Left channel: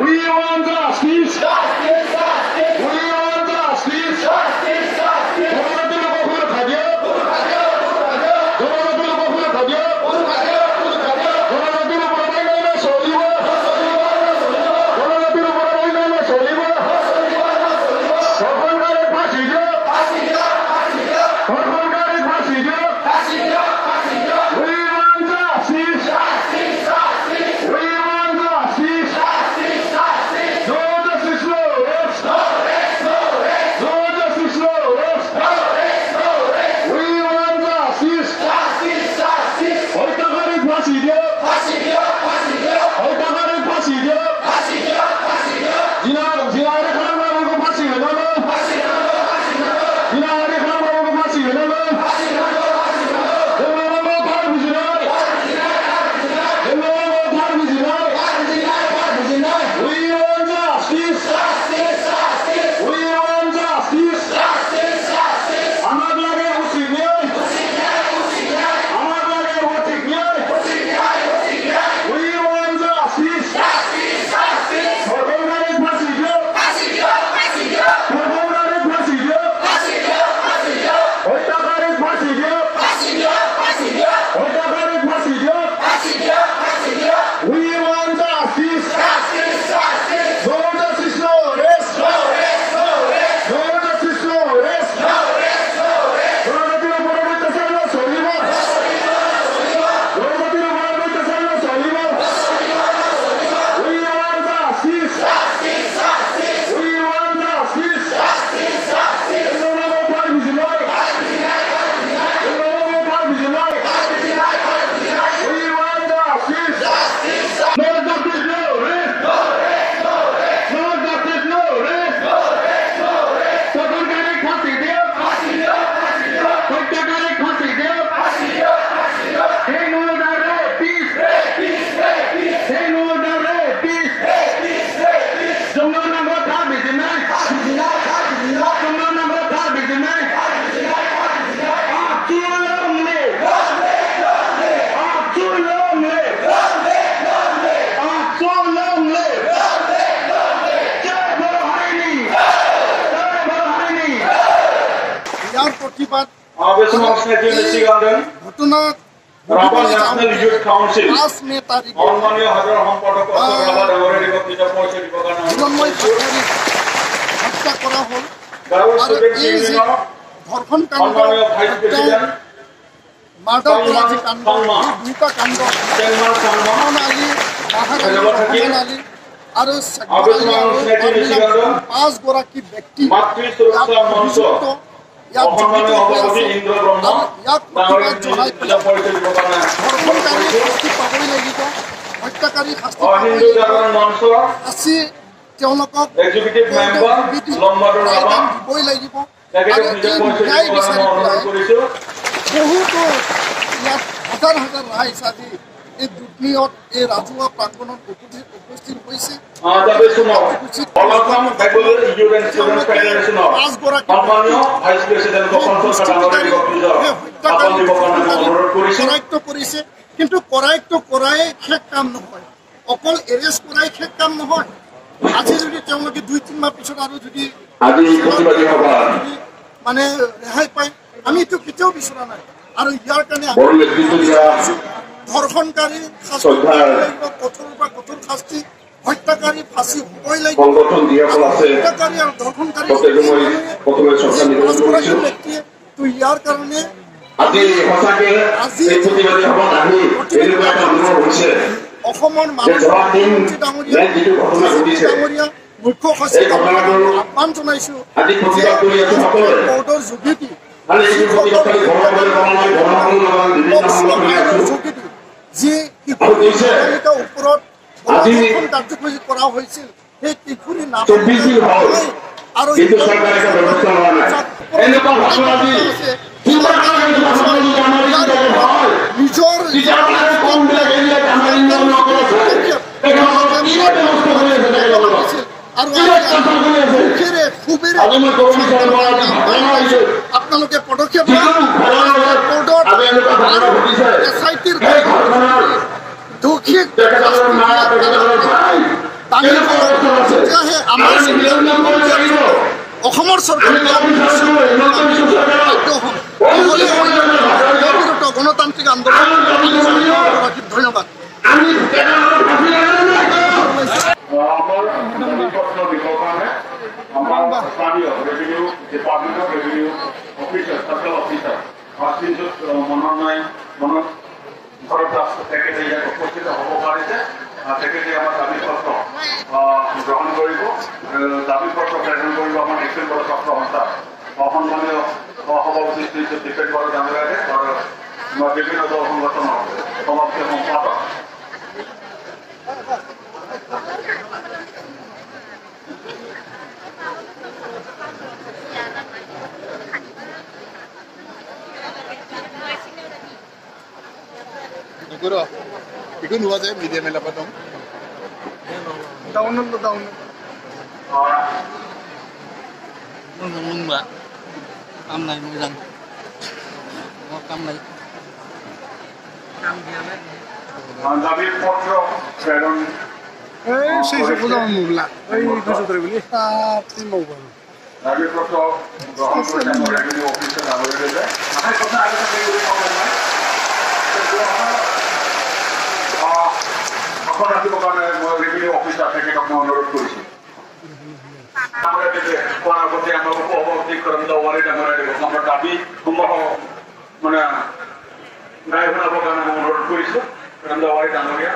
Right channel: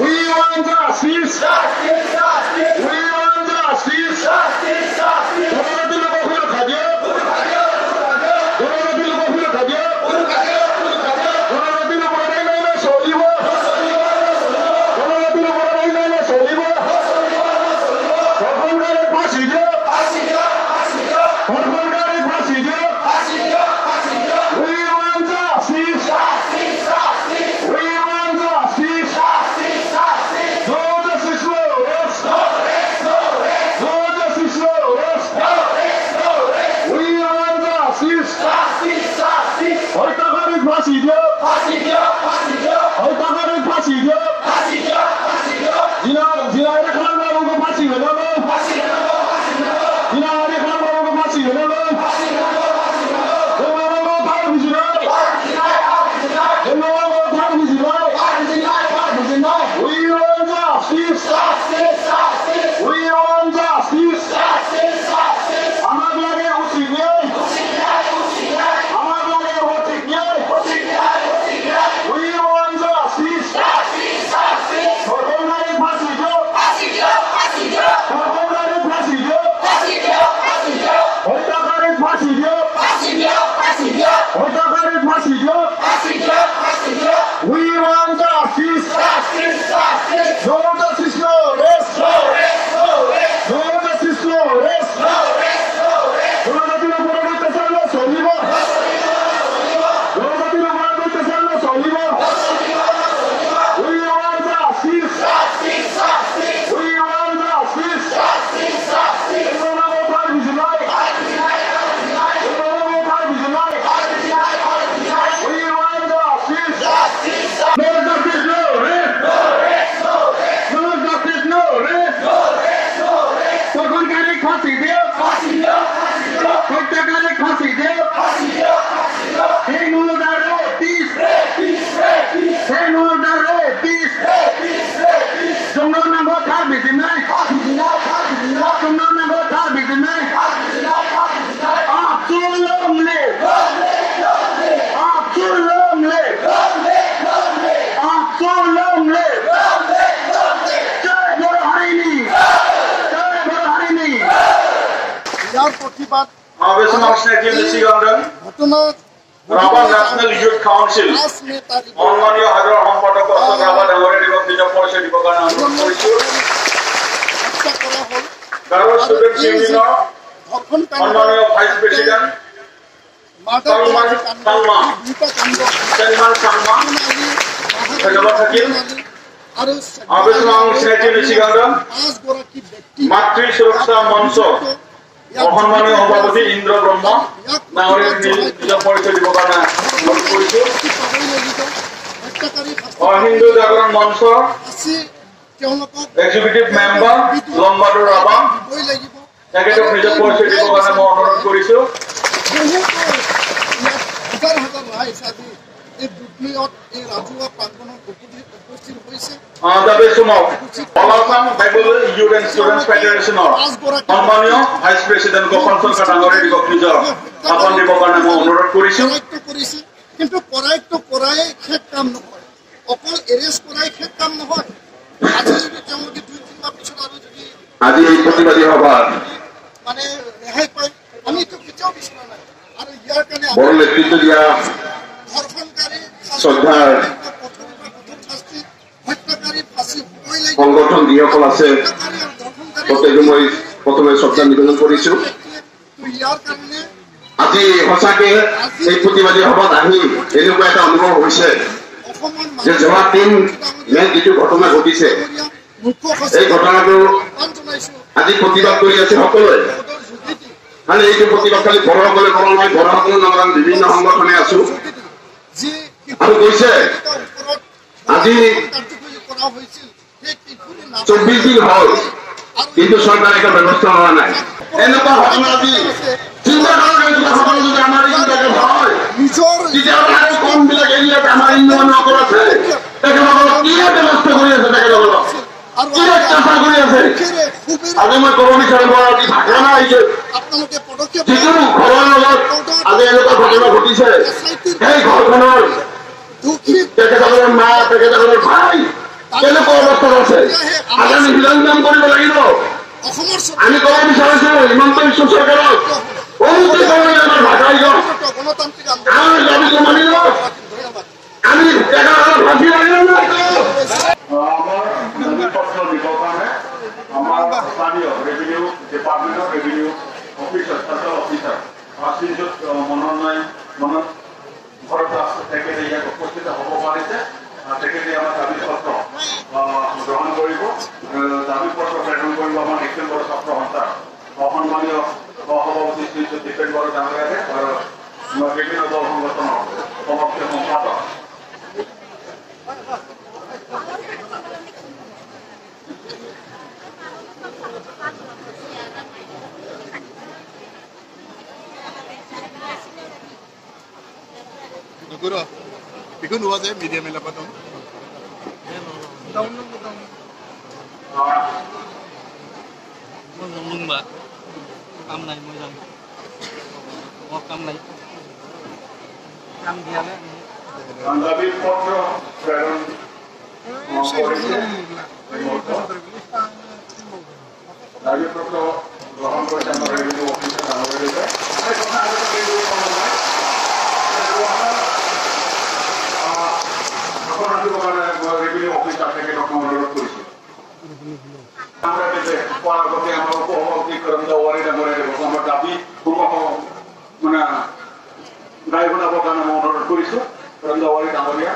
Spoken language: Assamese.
We want justice. We want justice. प्रतिबाद घटना Rabat National Youth Council Onmaniya Hadar Hampadak Rabat Dangore Dibak Bija Poise Dibakana Dawa Student Union Onmaniya Vice President Matri Suraksa Manso অসন্মানীয় সভাপতি ইন্দ্ৰ ব্ৰহ্ম ডাঙৰীয়া পূজা পৰিচয় দিব কাৰণে হিন্দু জাগৰণ মঞ্চ এক্সিকিউটিভ মেম্বাৰ লম্বাদৰ ৰাভা তেখেতক নিজৰ পৰিচয় দিব কাৰণে মই অনুৰোধ কৰিছোঁ হাজাৰ হাজাৰ ৰাইজ আজি এই দুৰ্নীয়ত এই ৰাজহুৱা প্ৰাংগণত উপস্থিত হৈছে ভাইচ প্ৰেচিডেণ্ট গোপাল চৰকাৰ ডাঙৰীয়া দিৱস নিজৰ আপন দিবৰ কাৰণে মই অনুৰোধ কৰিছোঁ কৰিছে কিন্তু কৰাইটো কৰাই শেষ কাম নহয় অকল এৰেষ্ট কৰাই শেষ কাম নহয় আজি যদি তেওঁলোকে 2-3 মাহ পিছত আৰু যদি আজি এই প্ৰতিবাদী সভা মানে ৰেহাই পায় আমি এইটো কেতিয়াও বিচৰা নাই আৰু ইয়াৰ কাৰণে বড়ো নেতৃত্ব দিয়া ধৰ্ষণকাৰী কঠোৰ পৰা কঠোৰ শাস্তি হত্যাকাৰী ফাঁচি হ'বই লাগিব সংগঠন যিসকল আছে হত্যাকাৰী আৰু ধৰ্ষণকাৰী মই প্ৰথমে শ্ৰদ্ধা নিবেদন কৰিছোঁ তো ইয়াৰ কাৰণে আজি সঁচাকে এই প্ৰতিবাদী সভাত আহি এনেকুৱা এটা অনুভৱ হৈছে অসমৰ যে যোৱা 3 যিটো ঘটনা ঘটিছে এই ঘটনাটো আজি প্ৰতিবাদ কৰি আছো সকলোৱে খালি এইটো প্ৰতিবাদ খালি বড়োসকলে কৰা নাই বড়োসকলৰ নাম বিভিন্ন সংগঠনে আছো আৰু কৈছে আজি কাৰ্যসূচী কৰা হৈছিল সেই কিশোৰী 24 দিন হ'ল কিন্তু চৰকাৰে একো ব্যৱস্থা লোৱা নাই এনেকুৱা ঘটনা আজি নিজৰ কমবিলাক এৰিয়াত আমাৰ ইউনিয়নসকল আছে তেখেতসকলক কি ব্যৱস্থা কৰি আছে তেখেতসকলক আজি মই ক'ব বিচাৰিম আজি ঘটনা আহিছে আপোনালোকে পদক্ষেপ ঘৰৰ লগত আজি এনেকুৱা ঘটনা ঘটিছে সেই ঘৰখনৰ দুখী তেখেতসকলৰ মা তেখেতসকলৰ ভাই কেনেকুৱা আছে আমি নিলাম কৰিব লাগিব অসমৰ আমি ক'ব বিচাৰিছো হিমন্ত বিশ্ব চৰকাৰক গণতান্ত্ৰিক আন্দোলন ধন্যবাদ আমি ফাঁসি লাগে না আমাৰ পত্ৰ দিবৰ কাৰণে আমাৰ স্থানীয় ৰেভিনিউ ডিপাৰ্টমেণ্টৰ ৰেভিনিউ অফিচাৰ সাৰ্কেল অফিচাৰ অফিচত মনত ঘৰত তেখেতে ইয়াত উপস্থিত হ'ব পাৰিছে তেখেতে আমাৰ দাবী পত্ৰ গ্ৰহণ কৰিব দাবী পত্ৰ প্ৰেৰণ কৰিব আমাৰ এক্সিয়েল বড়ো ছাত্ৰ সন্থা অসন্মানীয় সভাপতি শ্ৰী দীপেন বড়ো ডাঙৰীয়াৰে বিভিন্ন দল সংগঠনৰ সমাপ্তি সম্পাদক Itu dua saya media mana potong? Daun. Mừng mbak, cam này mừng rằng, ngọc cam này, cam dia này. Dabi potro প্রেরণ সেই সবগুলো মুগলা এই কিছু করে বলি মঙ্গল দাবি পত্র গ্রহণ করে আমরা রেভিনিউ অফিসে দাঁড়িয়ে রয়েছে এখন আসবো কারণে রেভিনিউ অফিস আপনাকে অনুরোধ করেছি পরবর্তী আমরা উপভোক্তি করেন দেওয়ারে আমরা দাবি মানে গায়ে বানাবো কারণে অনুরোধ করেছি দেওয়ারে ডাঙরিয়া